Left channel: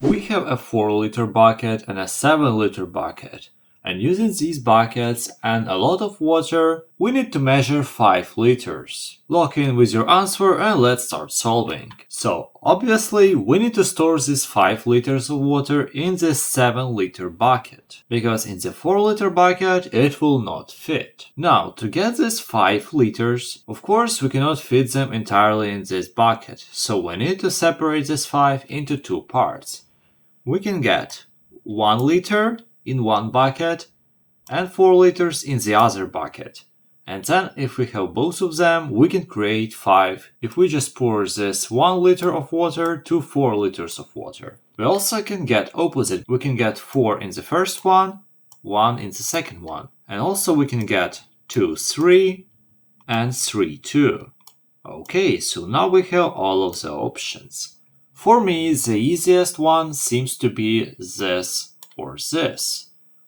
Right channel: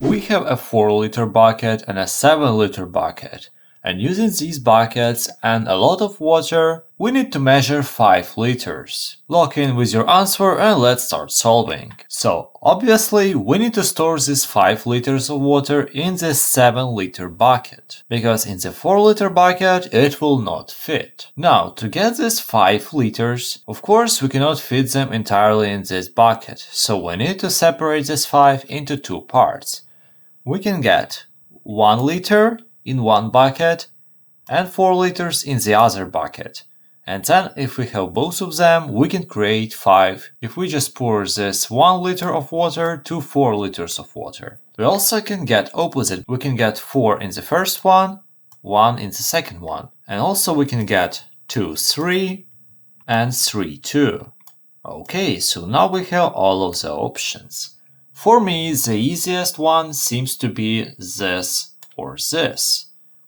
We have a 4-liter bucket and a 7-liter bucket. And using these buckets and a lot of water, we need to measure 5 liters. Log in with your answer and let's start solving. So, obviously, we need to store these 5 liters of water in this 7-liter bucket, because in the 4-liter bucket it will not fit. Now, to get these 5 liters, of course we cannot fit them entirely in this bucket, so we need to separate this 5 into 2 parts. We can get 1 liter in one bucket and 4 liters in the other bucket. And then if we have both of them, we can create 5 if we just pour this 1 liter of water to 4 liters of water. We also can get opposite. We can get 4 in the first one, 1 in the second one. And also we can get 2, 3 and 3, 2. Okay, so now we have all of the options. For me, the easiest one seems to be this or this.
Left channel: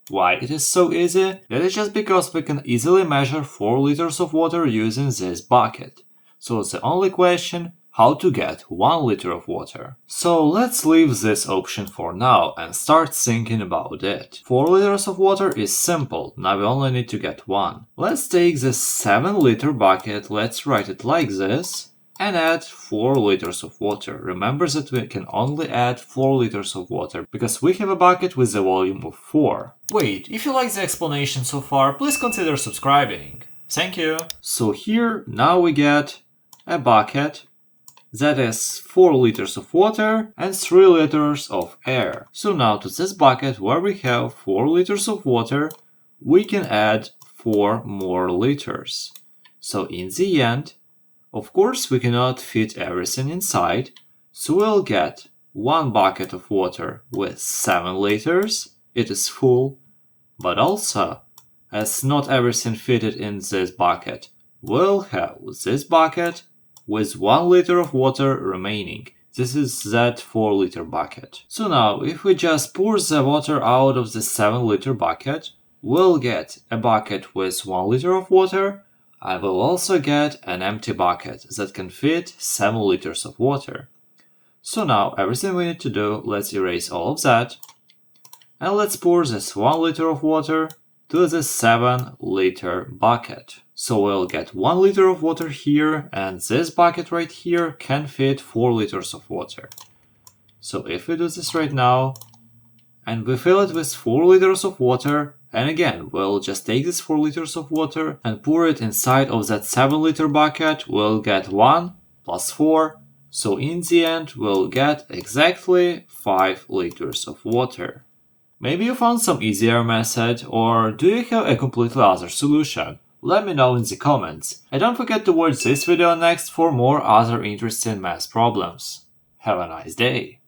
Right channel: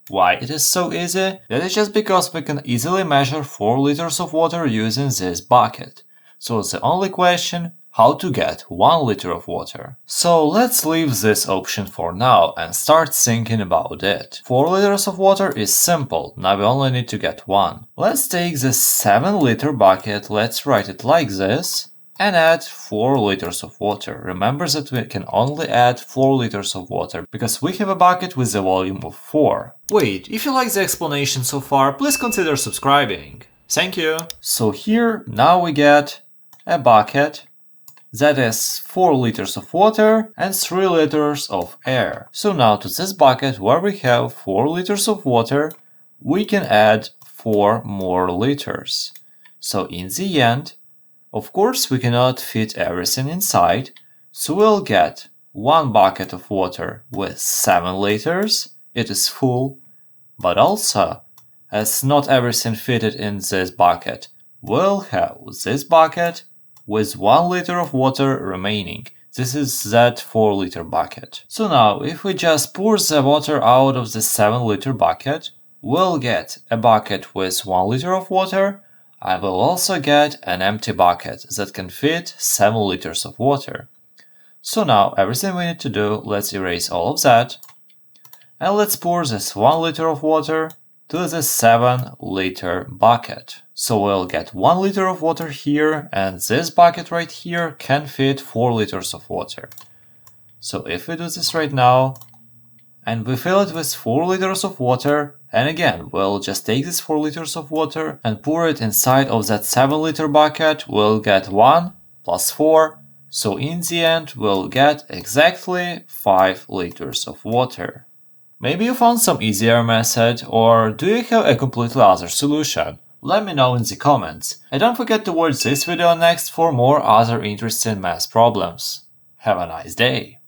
Why it is so easy? That is just because we can easily measure 4 liters of water using this bucket. So the only question, how to get 1 liter of water. So let's leave this option for now and start thinking about it. 4 liters of water is simple, now we only need to get 1. Let's take this 7-liter bucket, let's write it like this, and add 4 liters of water. Remember that we can only add 4 liters of water, because we have a bucket with a volume of 4. Wait, if you like the explanation so far, please consider subscribing. Thank you! So here, now we get a bucket that is 4 liters of water and 3 liters of air. So now to this bucket, where we have 4 liters of water, we can add 4 more liters. So in the end, of course, we cannot fit everything inside, so we'll get 1 bucket of water with 7 liters, it is full, but also, as not everything fitted in this bucket, we'll have this bucket with 1 liter of water remaining. This is that 4-liter bucket. So now, if we just pour the water out of the 7-liter bucket, we'll get a bucket with 1 liter of water. I will also get an empty bucket that can fit 7 liters of water. So now everything we need to do, let's erase all of that. And let's pour this 1 liter of water to the 7-liter bucket. So we'll get 1 liter of water here, and this bucket right here can fit 4 liters of water. So if we do this right now, and we fill it with 4 liters of water, and again, we'll just take this 4 liters of water and pour it inside of that 7-liter bucket, we'll get 1 plus 4, so in the end we'll get exactly 5 liters of water. Maybe you found some easier method, or do you have a completely other solution? Let me know in the comments. And don't forget to watch this video next for more other interesting math problems. Have a nice day!